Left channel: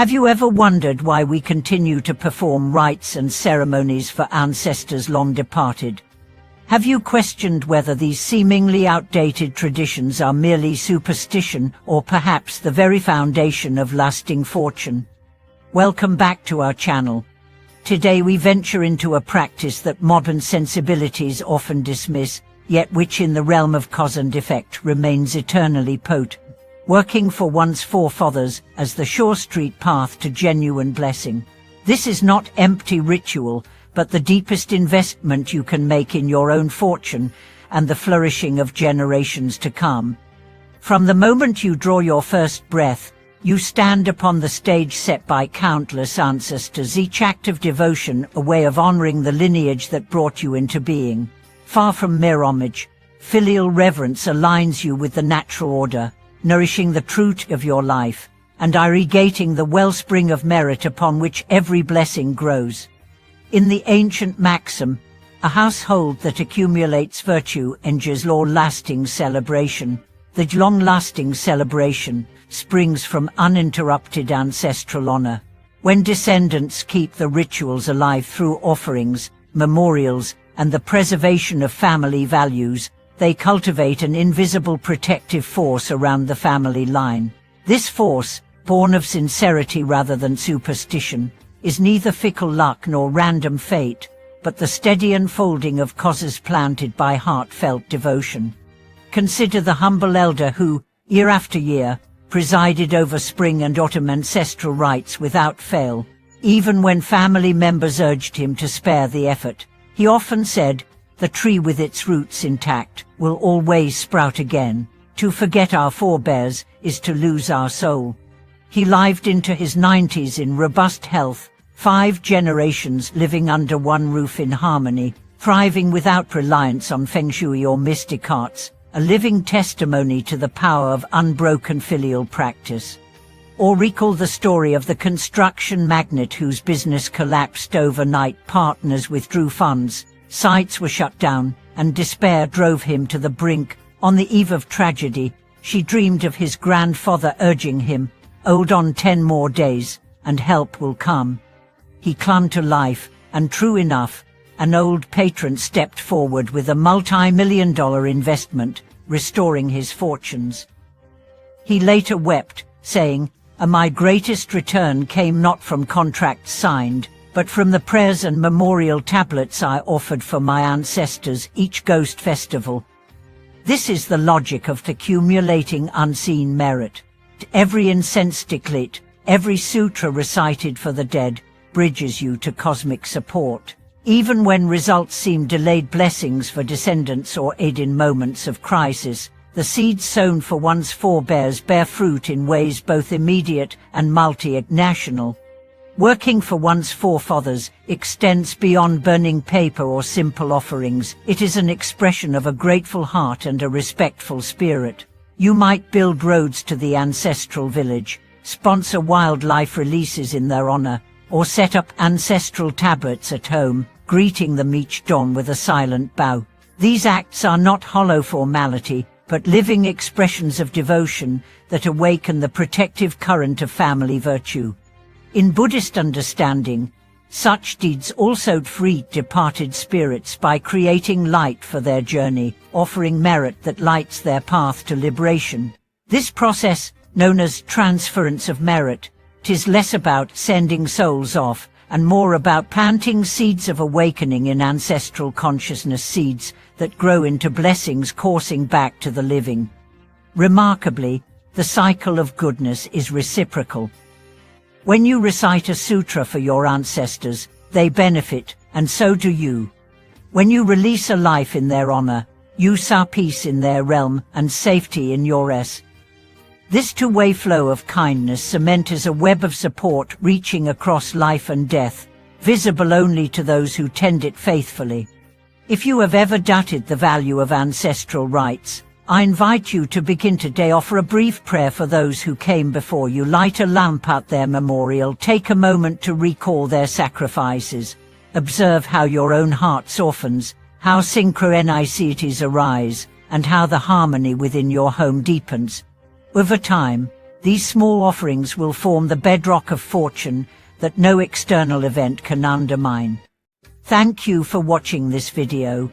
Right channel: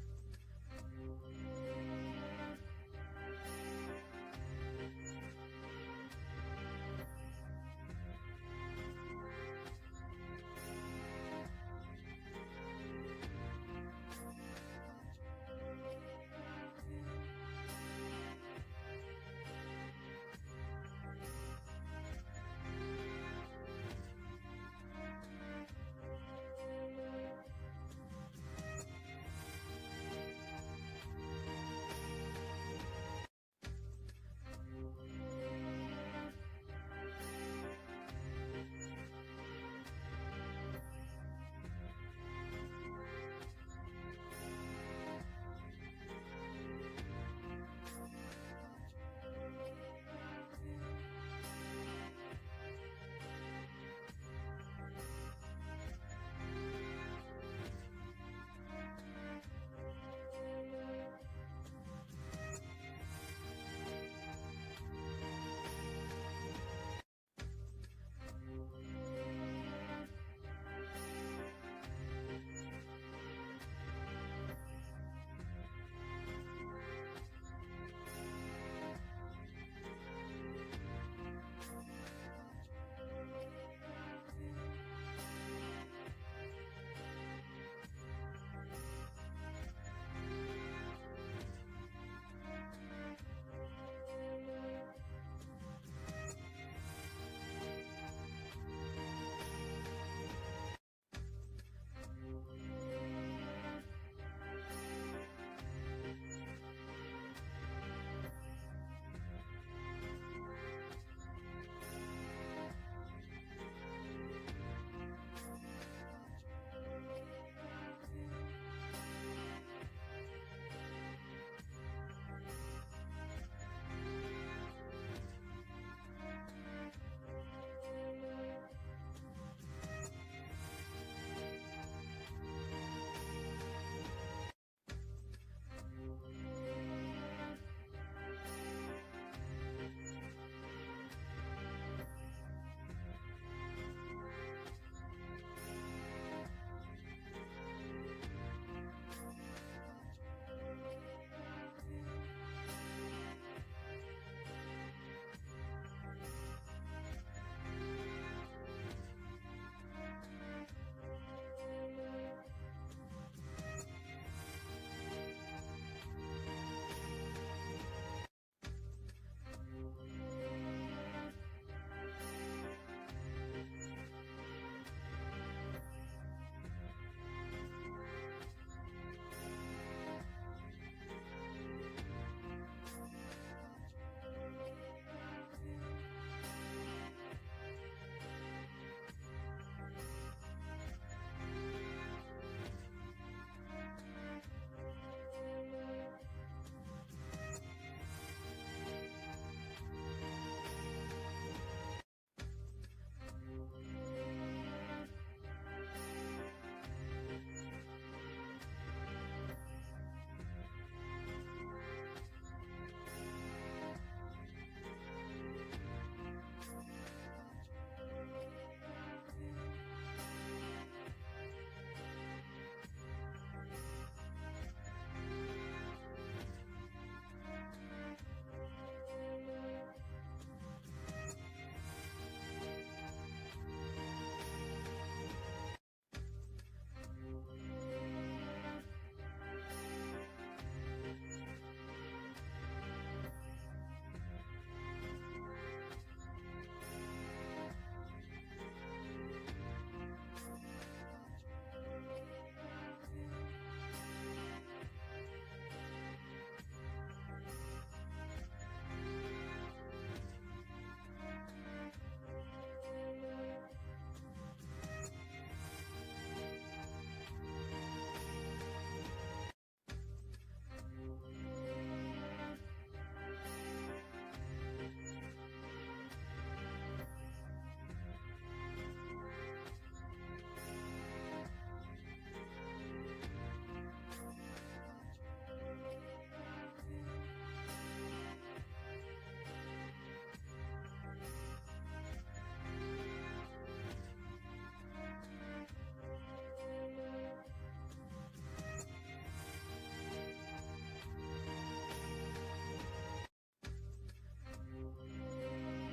Have you ever wondered why we continue to perform rites and ceremonies for ancestors long departed? Have you questioned whether these seemingly outdated traditions are merely superstition or perhaps the very foundation of lasting fortune? Welcome back to our channel. Today we venture into a practice that modern sensibilities often dismiss, yet which in the realm of cause and effect remains eternally potent. Working for one's forefathers as the sure street path to genuine blessing. This is not empty ritual, but the deepest investment you can make in your own fortune and the flourishing of generations to come. From the moment you draw your first breath, you stand upon the stage set by countless ancestors, each act of devotion a way of honoring the lineage that brought you into being. Far from mere homage, filial reverence aligns you with the natural order, nourishing the truth of your life, and irrigating the wellspring of merit upon which every blessing grows. In the ancient maxim, a household that accumulates virtue endures long-lasting celebration. The long-lasting celebration springs from uninterrupted ancestral honor. When descendants keep the rituals alive through offerings, memorials, and the preservation of family values, they cultivate an invisible protective force around the family line. This force, born of sincerity rather than superstition, is neither fickle luck nor random fate, but the steady unfolding of causes planted by heartfelt devotion. Consider the humble elder who, year after year, presided over spring and autumn ancestral rites without fail. Even when family members urged him to spare the effort, he often said, "The tree with its roots intact will always sprout again. To forget our forebears is to lose our soul." He lived into his 90s in robust health, 5 generations living under one roof in harmony, thriving without reliance on feng shui or mystic arts, a living testimony to the power of unbroken filial practice. Or recall the story of the construction magnate whose business collapsed overnight. Partners withdrew funds, sites were shut down, and despair drove him to the brink. On the eve of tragedy, she dreamed of his grandfather urging him, "Hold on 10 more days, and help will come." He clung to life, and true enough, an old patron stepped forward with a multi-million-dollar investment, restoring his fortunes. He later wept, saying, "My greatest return came not from contracts signed, but from the prayers and memorial tablets I offered for my ancestors each ghost festival." This is the logic of accumulating unseen merit. Every incense stick lit, every sutra recited for the dead, bridges you to cosmic support. Even when results seem delayed blessings for descendants or aid in moments of crisis, the seeds sown for one's forebears bear fruit in ways both immediate and multi-national. Working for one's forefathers extends beyond burning paper or simple offerings. It is an expression of a grateful heart and a respectful spirit. You might build roads to the ancestral village, sponsor wildlife releases in their honor, or set up ancestral tablets at home, greeting them each dawn with a silent bow. These acts are not hollow formality, but living expressions of devotion that awaken the protective current of family virtue. In Buddhist understanding, such deeds also free departed spirits by creating light for their journey, offering merit that lights their path to liberation. This process, known as transference of merit, is less about sending souls off and more about planting seeds of awakening in ancestral consciousness, seeds that grow into blessings coursing back to the living. Remarkably, the cycle of goodness is reciprocal. When you recite a sutra for your ancestors, they benefit, and so do you. When you release a life in their honor, you sow peace in their realm and safety in yours. This two-way flow of kindness cements a web of support reaching across life and death, visible only to those who tend it faithfully. If you have ever doubted the value of ancestral rites, I invite you to begin today. Offer a brief prayer for those who came before you. Light a lamp at their memorial. Take a moment to recall their sacrifices. Observe how your own heart softens, how synchronicities arise, and how the harmony within your home deepens. Over time, These small offerings will form the bedrock of fortune that no external event can undermine. Thank you for watching this video.